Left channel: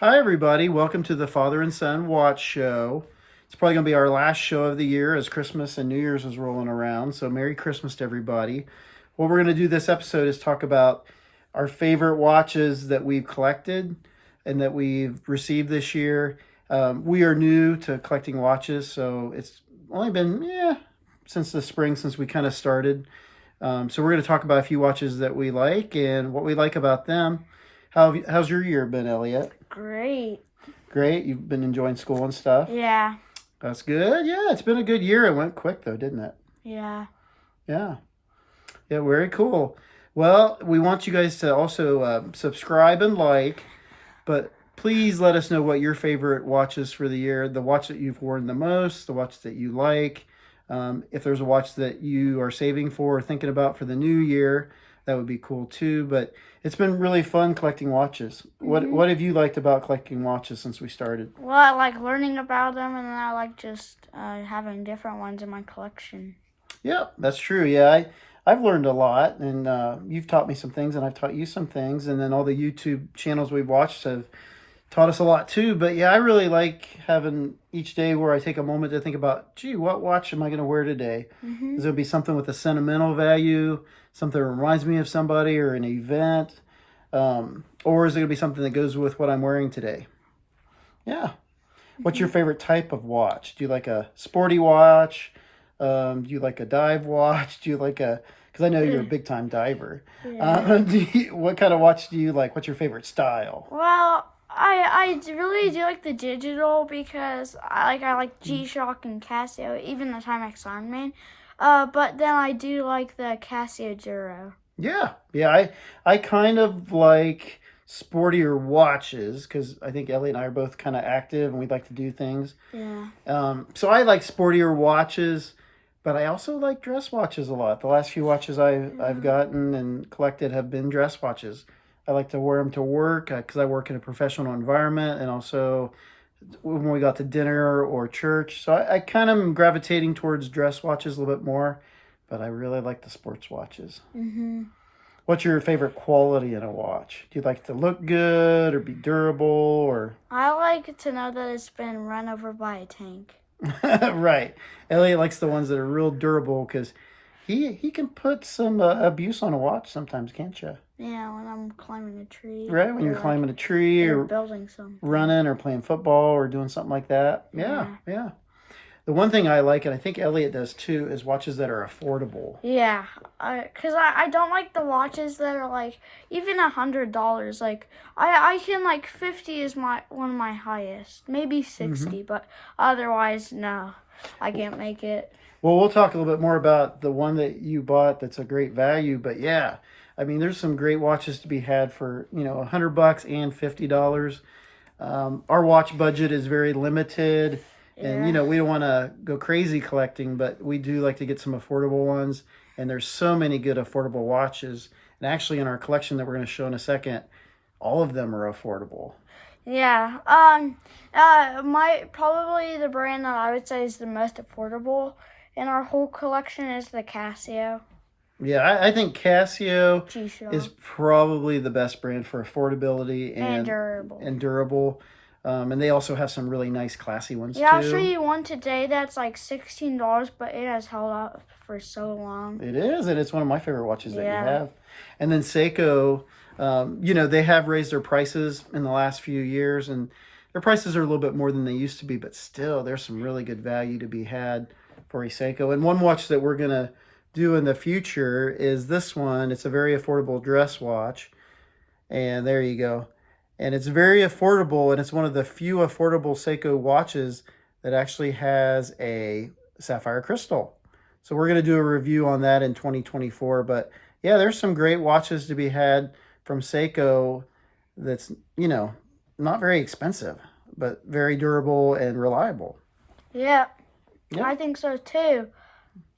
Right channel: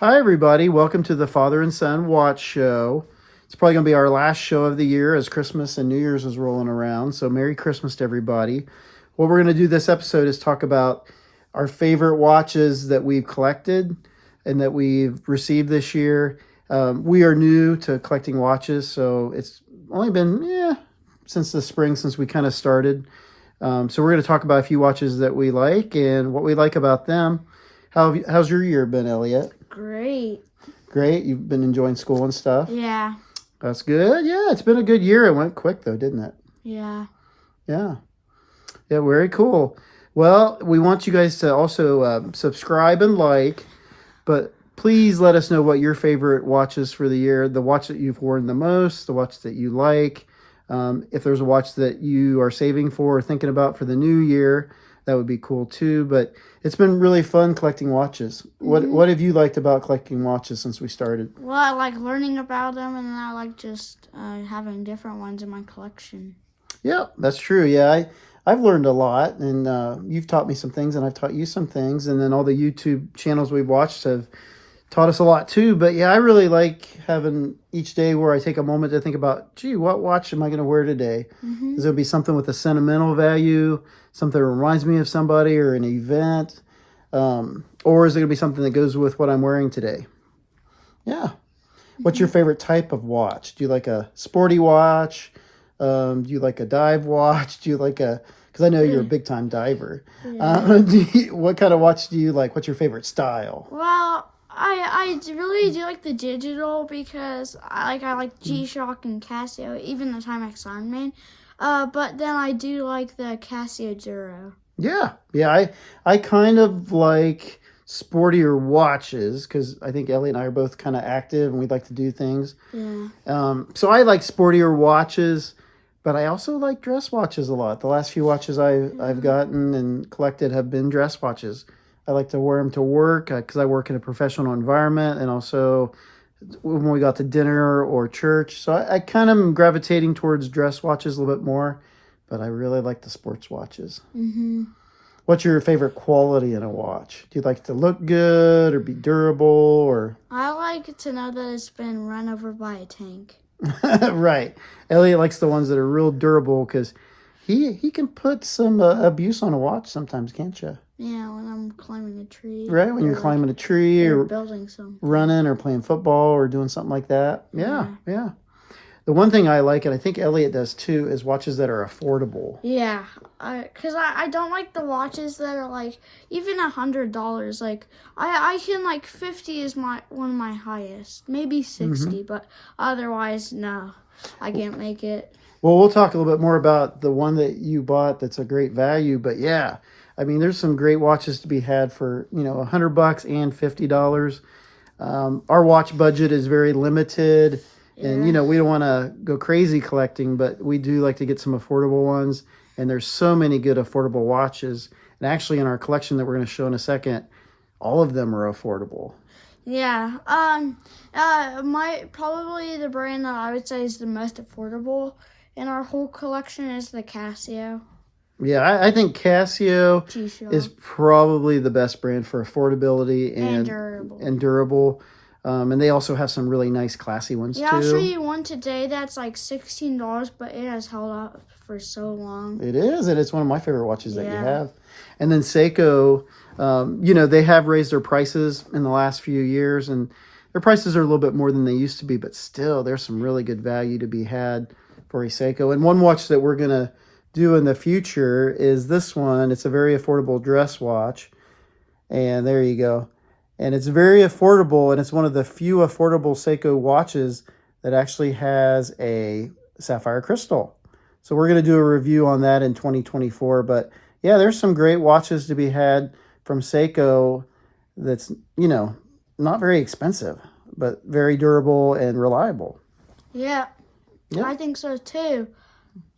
Hi, everybody. Welcome to the Father and Son Watch Show. It's probably going to be our last show of the year as Christmas and New Year's is rolling around. So, Merry Christmas to everybody. What we're going to do this episode is talk about our favorite watches that we've collected and that we've received this year. We are new to collecting watches, so it's only been, since the spring, since we kind of started. So, we're going to talk about a few watches that we like and what we like about them. How's your year been, Elliot? Great. Great. You've been enjoying school and stuff? Yeah. That's good. Yeah, it's been a good year. It went quick, though, didn't it? Yeah. Yeah. Yeah, very cool. Well, we want you guys to also subscribe and like, but please let us know what your favorite watch is for the year, the watch that you've worn the most, the watch that you like. If there's a watch that you are saving for or thinking about for the new year, that would be cool too. But it's been really fun collecting watches. What have you liked about collecting watches since we started? Well, I like learning about them, and then I like just having different ones in my collection. Yeah, that's true. Yeah, I've learned a lot, and you've taught me some things, and I've taught you some things, and then all the YouTube channels we've watched have taught us a lot too. But yeah, I really like having each day where I take a moment to think about, gee, what watch am I going to wear today? Is it be something with a sentimental value, something that reminds me of somebody or an event, or is it going to be something that goes with what I'm wearing today? Yeah. What's your favorite type of watch? Do you like a sporty watch? Do you like a dive watch? Do you like because I know you're a big time diver. Yeah. What kind of watch do you like? What's your favorite style? Well, I really do like the digital because I like G-Shock and Casio, even the Timex Ironman. But then I do like the Casio Duro. Yeah. I kind of like sportier watches because I think Ellie and I are both kind of active and we'd like to do things. Yeah. So I like sportier watches, but I also like dress watches a lot. The last few watches I've gotten and collected have been dress watches. I like to wear them to work because I work in a professional environment, and also when we got to dinner or church. So I kind of am gravitating towards dress watches a little bit more, but I really like the sports watches. What's your favorite quality in a watch? Do you like it to look good or be durable or? I like to know that it's been run over by a tank. Right. Elliot likes the ones that are real durable because he can put some abuse on a watch sometimes, can't you? Yeah, when I'm climbing a tree. Right, when you're climbing a tree or building something. Running or playing football or doing something like that. Yeah. The one thing I like, and I think Elliot does too, is watches that are affordable. Yeah, because I don't like the watches that are like even $100. Like I can like 50 is one of my highest, maybe 60, but otherwise no, I can't make it. Well, we'll talk a little bit more about the one that you bought that's a great value, but yeah. I mean, there's some great watches to be had for, $100 and $50. Our watch budget is very limited, and, we don't want to go crazy collecting, but we do like to get some affordable ones, and there's so many good affordable watches. And actually, in our collection that we're going to show in a second, all of them are affordable. Yeah. Probably the brand that I would say is the most affordable in our whole collection is the Casio. Yeah, I think Casio G-Shock is probably the best brand for affordability and durable. And they also have some really nice, classy ones too. Yeah, I'll show you one today that's like $16, but it has held up for so long. It is, and it's one of my favorite watches that you have. And then Seiko, they have raised their prices in the last few years, and their prices are a little bit more than they used to be, but still, there's some really good value to be had for a Seiko. And one watch that we're going to do in the future is this one. It's a very affordable dress watch, and there you go. And it's very affordable, and it's one of the few affordable Seiko watches that actually has a sapphire crystal. So we're going to do a review on that in 2024. But yeah, there's some great watches to be had from Seiko that's, not very expensive, but very durable and reliable. Yeah. I think so too.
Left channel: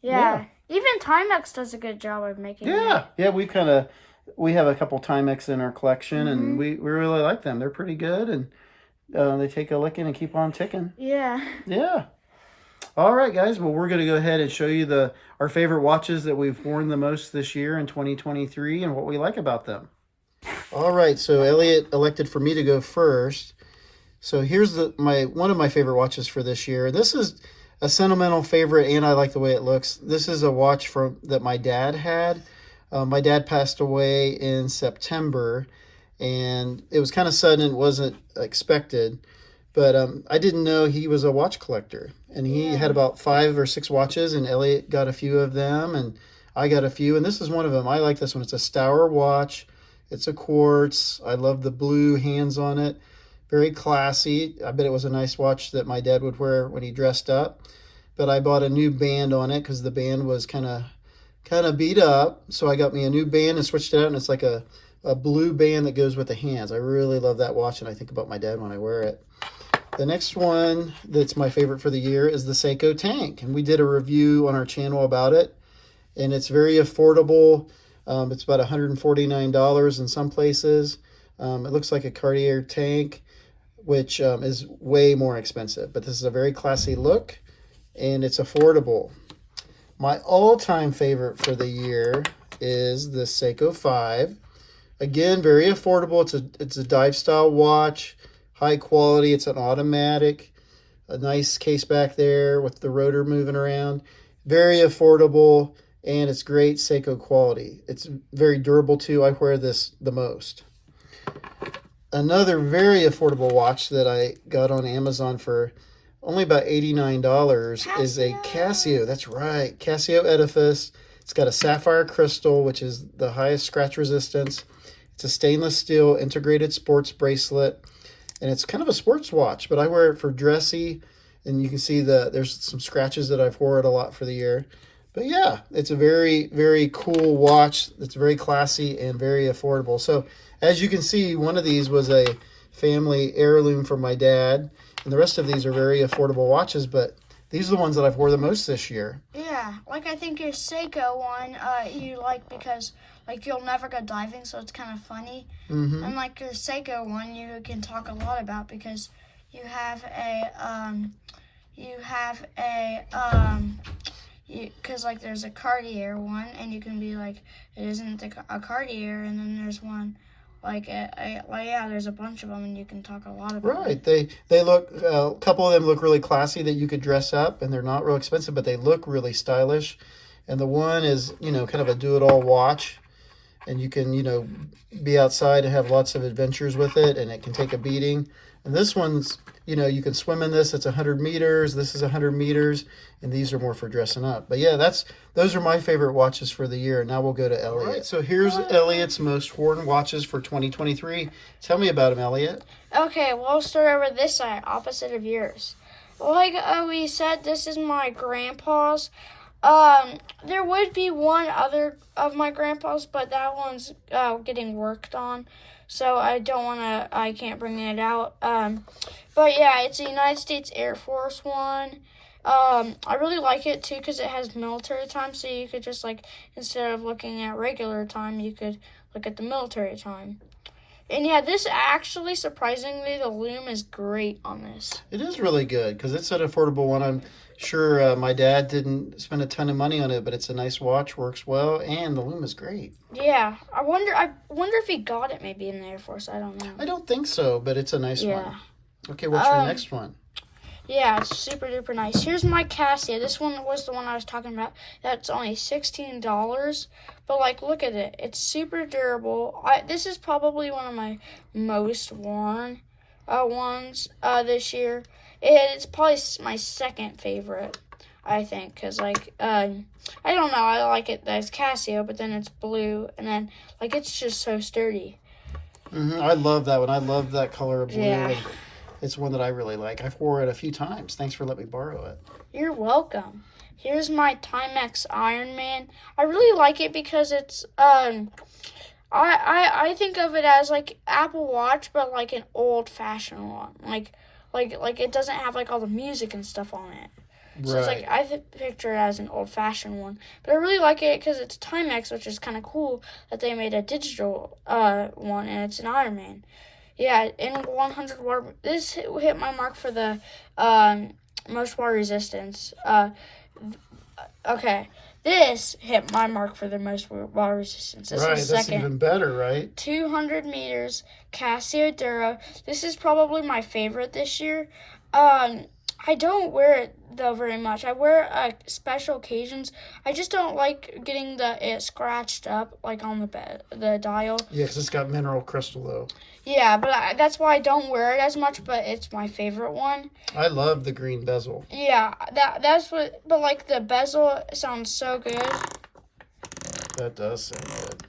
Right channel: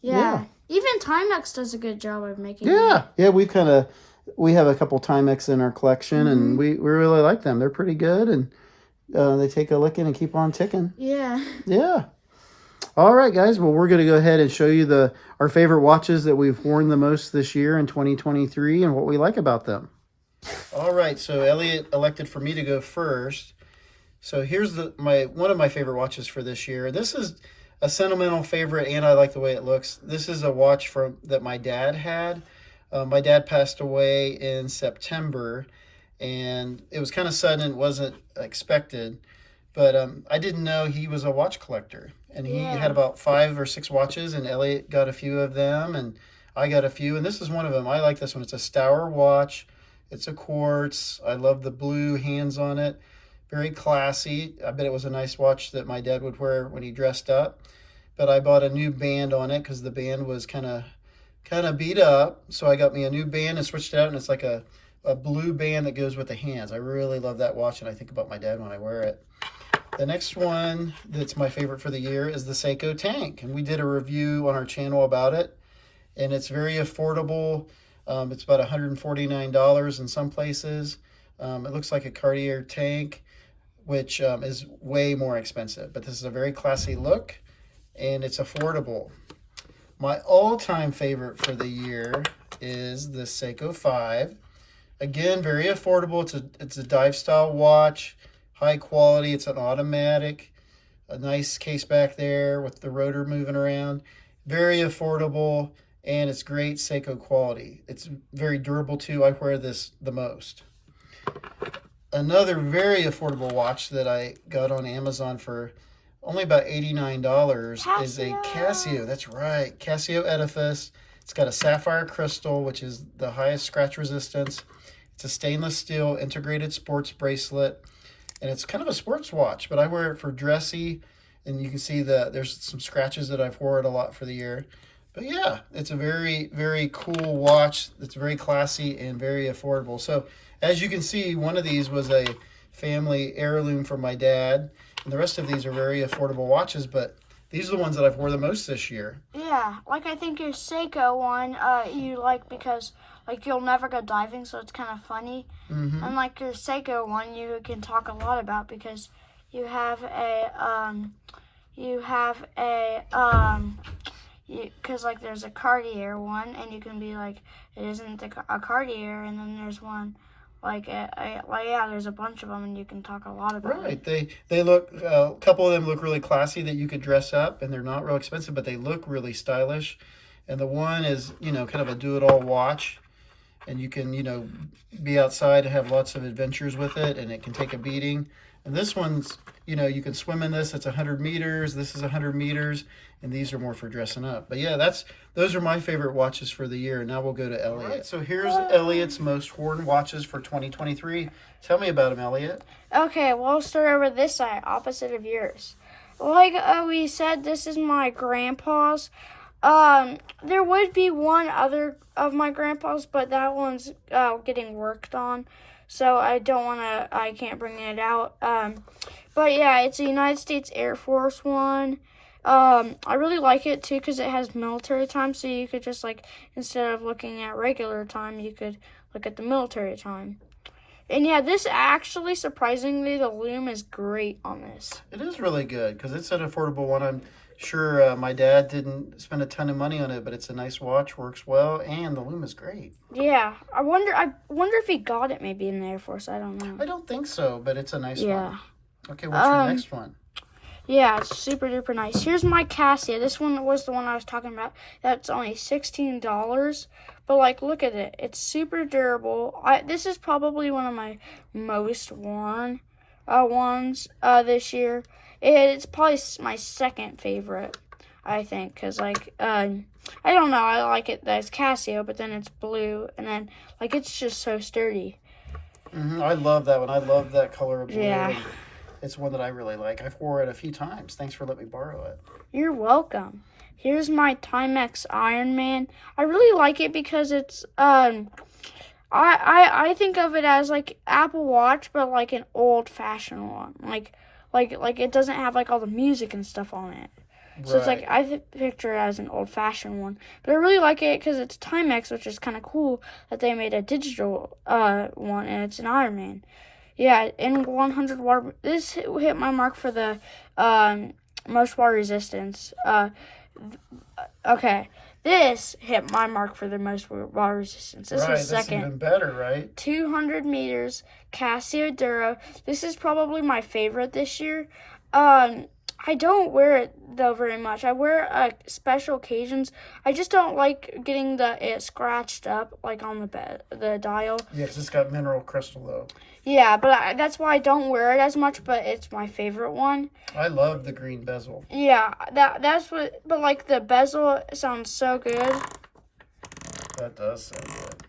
Yeah. Even Timex does a good job of making them. Yeah, we have a couple Timex in our collection, and we really like them. They're pretty good, and they take a licking and keep on ticking. Yeah. All right, guys. Well, we're going to go ahead and show you our favorite watches that we've worn the most this year in 2023 and what we like about them. All right, so Elliot elected for me to go first. So here's one of my favorite watches for this year. This is a sentimental favorite, and I like the way it looks. This is a watch that my dad had. My dad passed away in September, and it was kind of sudden. It wasn't expected, but I didn't know he was a watch collector. And he had about 5 or 6 watches, and Elliot got a few of them, and I got a few. And this is one of them. I like this one. It's a Stour watch. It's a quartz. I love the blue hands on it. Very classy. I bet it was a nice watch that my dad would wear when he dressed up. But I bought a new band on it because the band was kind of beat up. So I got me a new band and switched it out, and it's like a blue band that goes with the hands. I really love that watch, and I think about my dad when I wear it. The next one that's my favorite for the year is the Seiko Tank. And we did a review on our channel about it. And it's very affordable. It's about $149 in some places. It looks like a Cartier tank, which is way more expensive. But this is a very classy look, and it's affordable. My all-time favorite for the year is the Seiko 5. Again, very affordable. It's a dive style watch, high quality. It's an automatic, a nice case back there with the rotor moving around. Very affordable, and it's great Seiko quality. It's very durable too. I wear this the most. Another very affordable watch that I got on Amazon for only about $89 is a Casio. That's right, Casio Edifice. It's got a sapphire crystal, which is the highest scratch resistance. It's a stainless steel integrated sports bracelet, and it's kind of a sports watch, but I wear it for dressy, and you can see there's some scratches that I've worn it a lot for the year. But yeah, it's a very, very cool watch. It's very classy and very affordable. So as you can see, one of these was a family heirloom from my dad, and the rest of these are very affordable watches, but these are the ones that I've wore the most this year. Yeah, like I think your Seiko one you like because like you'll never go diving, so it's kind of funny. Mm-hmm. And like your Seiko one, you can talk a lot about because you have because like there's a Cartier one, and you can be like it isn't a Cartier, and then there's one like there's a bunch of them, and you can talk a lot about. Right, they look a couple of them look really classy that you could dress up, and they're not real expensive, but they look really stylish. And the one is kind of a do-it-all watch, and you can be outside and have lots of adventures with it, and it can take a beating. And this one's you can swim in this. It's 100 meters. This is 100 meters, and these are more for dressing up. But yeah, those are my favorite watches for the year. Now we'll go to Elliot. All right, so here's Elliot's most worn watches for 2023. Tell me about them, Elliot. Okay, well, I'll start over this side, opposite of yours. Like we said, this is my grandpa's. There would be one other of my grandpa's, but that one's getting worked on, so I can't bring it out. But yeah, it's a United States Air Force one. I really like it too because it has military time, so you could just instead of looking at regular time, you could look at the military time. And yeah, this actually, surprisingly, the loom is great on this. It is really good because it's an affordable one. I'm sure my dad didn't spend a ton of money on it, but it's a nice watch, works well, and the loom is great. Yeah, I wonder if he got it maybe in the Air Force. I don't know. I don't think so, but it's a nice one. Okay, what's your next one? Yeah, it's super duper nice. Here's my Casio. This one was the one I was talking about. That's only $16. But look at it. It's super durable. This is probably one of my most worn ones this year. It's probably my second favorite, I think, because I don't know. I like it. That's Casio, but then it's blue, and then it's just so sturdy. I love that one. I love that color of blue. Yeah. It's one that I really like. I've wore it a few times. Thanks for letting me borrow it. You're welcome. Here's my Timex Iron Man. I really like it because it's I think of it as Apple Watch, but an old-fashioned one. Like it doesn't have all the music and stuff on it. So right. It's I picture it as an old-fashioned one. But I really like it because it's Timex, which is kind of cool that they made a digital one, and it's an Iron Man. Yeah, and 100 water. This hit my mark for the most water resistance. Okay, This hit my mark for the most water resistance. This Right, is that's second. even better, right? 200 meters, Casio Duro. This is probably my favorite this year. I don't wear it though very much. I wear it at special occasions. I just don't like getting it scratched up like on the dial. Yeah, because it's got mineral crystal though. Yeah, but that's why I don't wear it as much. But it's my favorite one. I love the green bezel. Yeah, that's what. But like the bezel sounds so good. That does sound good.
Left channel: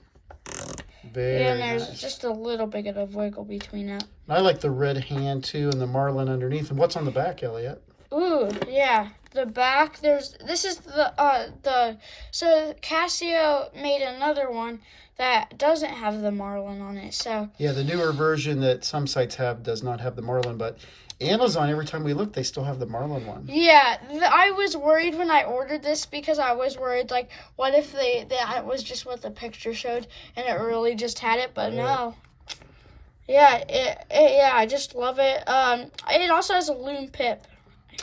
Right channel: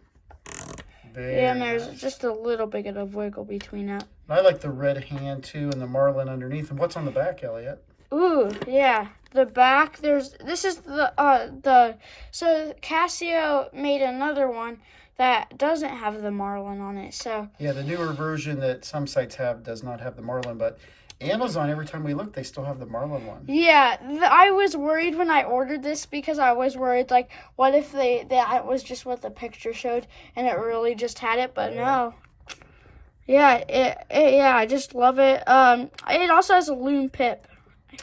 Very Yeah, and there's nice. just a little bit of wiggle between it. I like the red hand too, and the marlin underneath. And what's on the back, Elliot? Ooh, yeah. The back, this is so Casio made another one that doesn't have the marlin on it. So Yeah, the newer version that some sites have does not have the marlin, but Amazon, every time we look, they still have the marlin one. yeah, I was worried when I ordered this because I was worried like, what if that was just what the picture showed and it really just had it, but no. Yeah, yeah, I just love it. It also has a loon pip.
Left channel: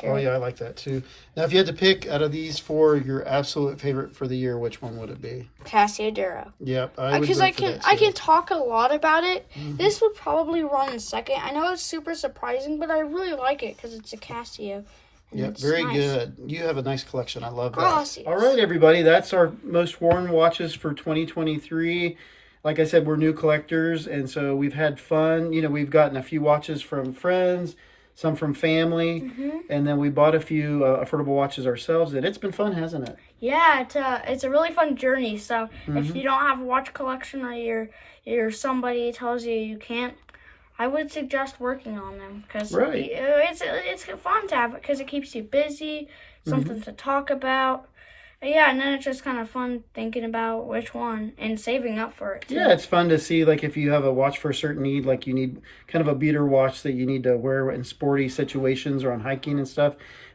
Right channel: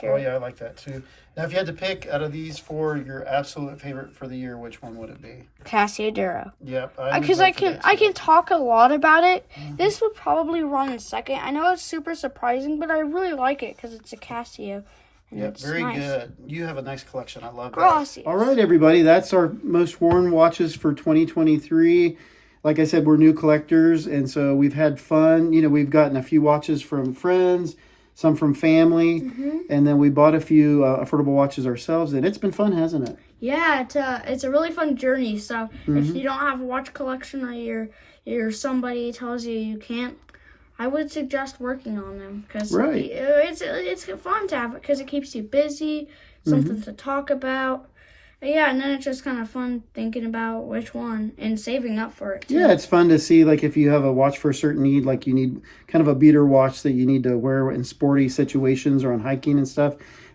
Oh yeah, I like that too. Now, if you had to pick out of these four your absolute favorite for the year, which one would it be? Casio Duro. Yep, I would Because vote for that too. I can talk a lot about it. This would probably run in second. I know it's super surprising, but I really like it because it's a Casio. Yep, It's very nice. good. You have a nice collection. I love that. Gracias. All right, everybody, that's our most worn watches for 2023. Like I said, we're new collectors, and so we've had fun. You know, we've gotten a few watches from friends, some from family, and then we bought a few affordable watches ourselves, and it's been fun, hasn't it? Yeah, it's a really fun journey. So if you don't have a watch collection or you're somebody tells you can't, I would suggest working on them because Right. it's fun to have it because it keeps you busy, something to talk about. Yeah, and then it's just kind of fun thinking about which one and saving up for it too. Yeah, it's fun to see, like, if you have a watch for a certain need, like you need kind of a beater watch that you need to wear in sporty situations or on hiking and stuff,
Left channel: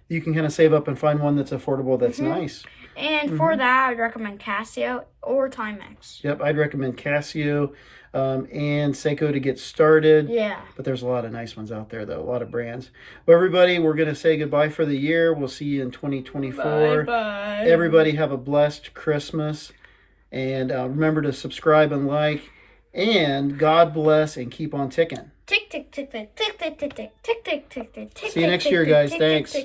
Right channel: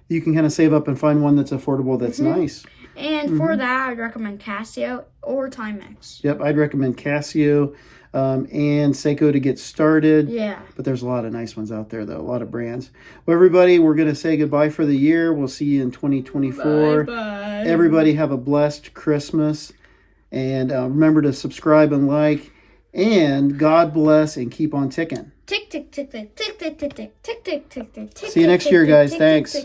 you can kind of save up and find one that's affordable that's nice. And for that, I'd recommend Casio or Timex. Yep, I'd recommend Casio and Seiko to get started. Yeah. But there's a lot of nice ones out there, though, a lot of brands. Well, everybody, we're going to say goodbye for the year. We'll see you in 2024. Bye. Everybody have a blessed Christmas. And remember to subscribe and like. And God bless and keep on ticking. Tick, tick, tick, tick, tick, tick, tick, tick, tick, tick, tick, tick. See you next year, guys. Thanks.